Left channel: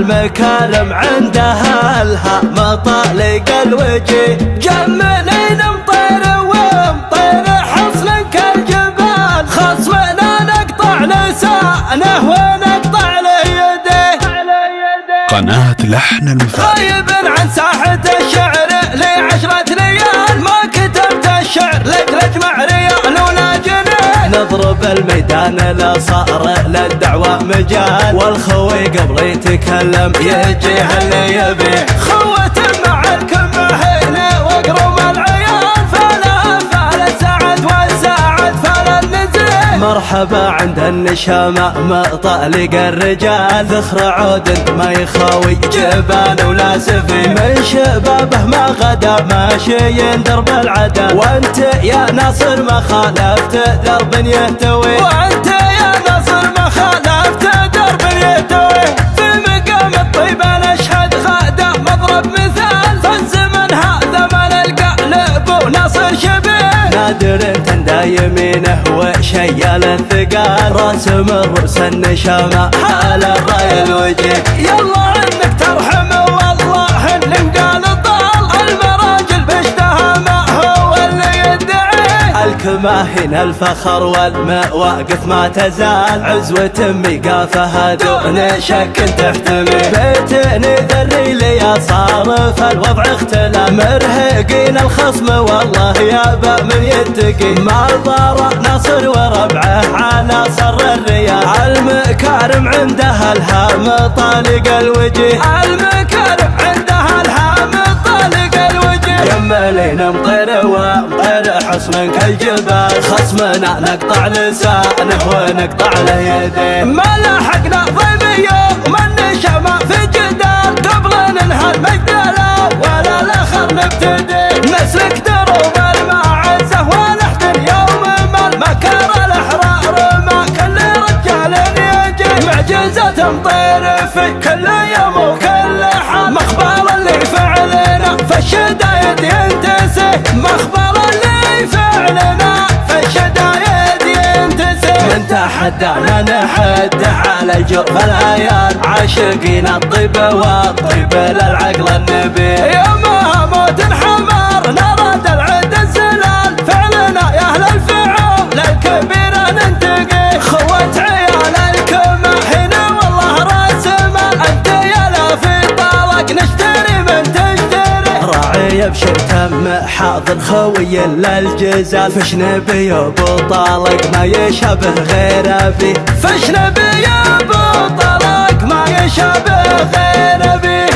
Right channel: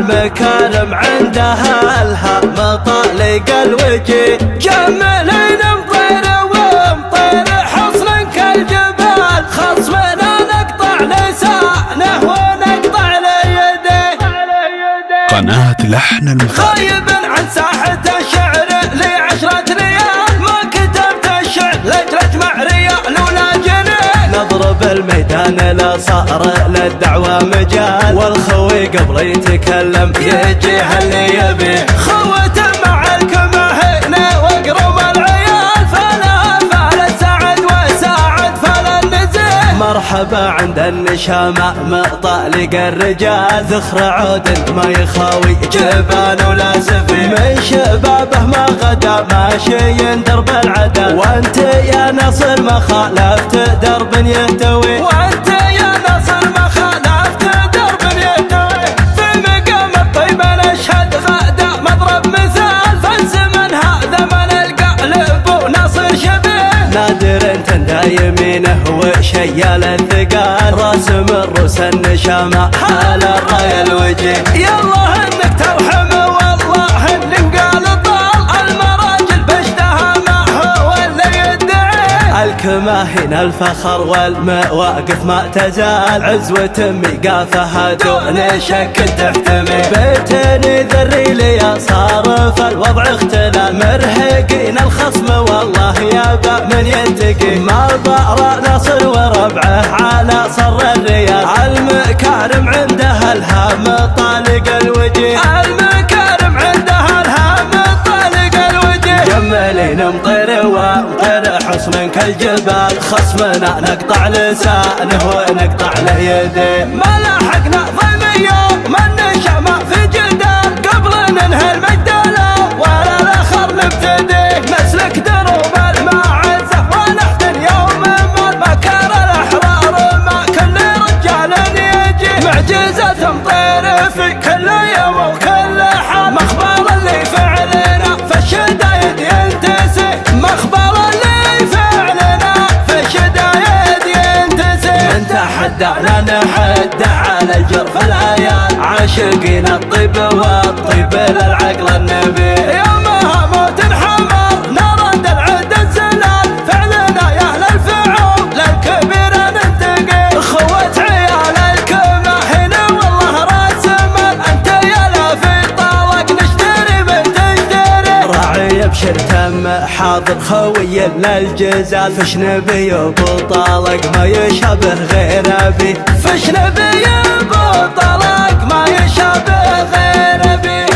المكارم عندها لها مطالق الوجه. جملين مطير ومطير حصن كالجبال، خصمنا نقطع لسانه ونقطع له يده. قناة لحن المثالي. غايب عن ساحة الشعر لي 10 ليال، ما كتبت الشعر لتجمع ريال ولا جنيه. نضرب الميدان لا صار للدعوة مجال، والخوي قبل يتكلم يجي اللي يبيه. خوة مع الكمهين واقرب العيال، فلا سعد وساعد فلا النزيه. مرحبا عند النشامة مطالق الرجال، ذخر عود ما يخاوي جبال ولا سفيه. من شبابه ما غدا ماشي درب العدل، وانت يا ناصر ما خالفت درب يهتوي. وانت يا ناصر ما خالفت درب يهتوي. في مقام الطيب نشهد غدا مضرب مثال، فالزمن هذا ما نلقى لبو ناصر شبيه. نادر تندى يمينه وشيال الثقال، راسم الروس النشامة حال الراي الوجيه. يالله انك ترحم والله ان قال الضال، المراجل بشتها ما هو اللي يدعي. الكماهن الفخر والمواقف ما تزال، عزوة ميقافها دون شك تحتمي. بيتني ذري لي صارف الوضع اختلى، مرهقين الخصم والله يابا من ينتقي. ما ضار ناصر وربعه على صر الريال، المكارم عندها الهام طالق الوجه. المكارم عندها الهام طالق الوجه. جملين مطير ومطير حصن كالجبال، خصمنا نقطع لسانه ونقطع له يديه. ما لحقنا ضيم يوم النشامة في جدال، قبل ننهى المجدلة ولا الاخر نبتدي. نسلك دروب المعزة ونحتن يوم ما المكار الاحرار، ما كل رجال يجي. معجزة مطير في كل يوم وكل حال، مخبر اللي فعلنا في الشدايد ينتسي. مخبر اللي فعلنا في الشدايد ينتسي. من تحدانا نحد على الجرف العيال، عاشقين الطيب والطيب للعقل النبي. يومها موت حمر نرد العد الزلال، فعلنا يا اهل الفعول للكبير ننتقي. خوة عيال الكماهين والله راس مال، انت يا لا في طالق نشتري بنت تشتري. راعي بشر تم حاضر خوي للجزال، فش نبي ابو طالق ما يشابه غير ابي. فش نبي ابو طالق ما يشابه غير ابي.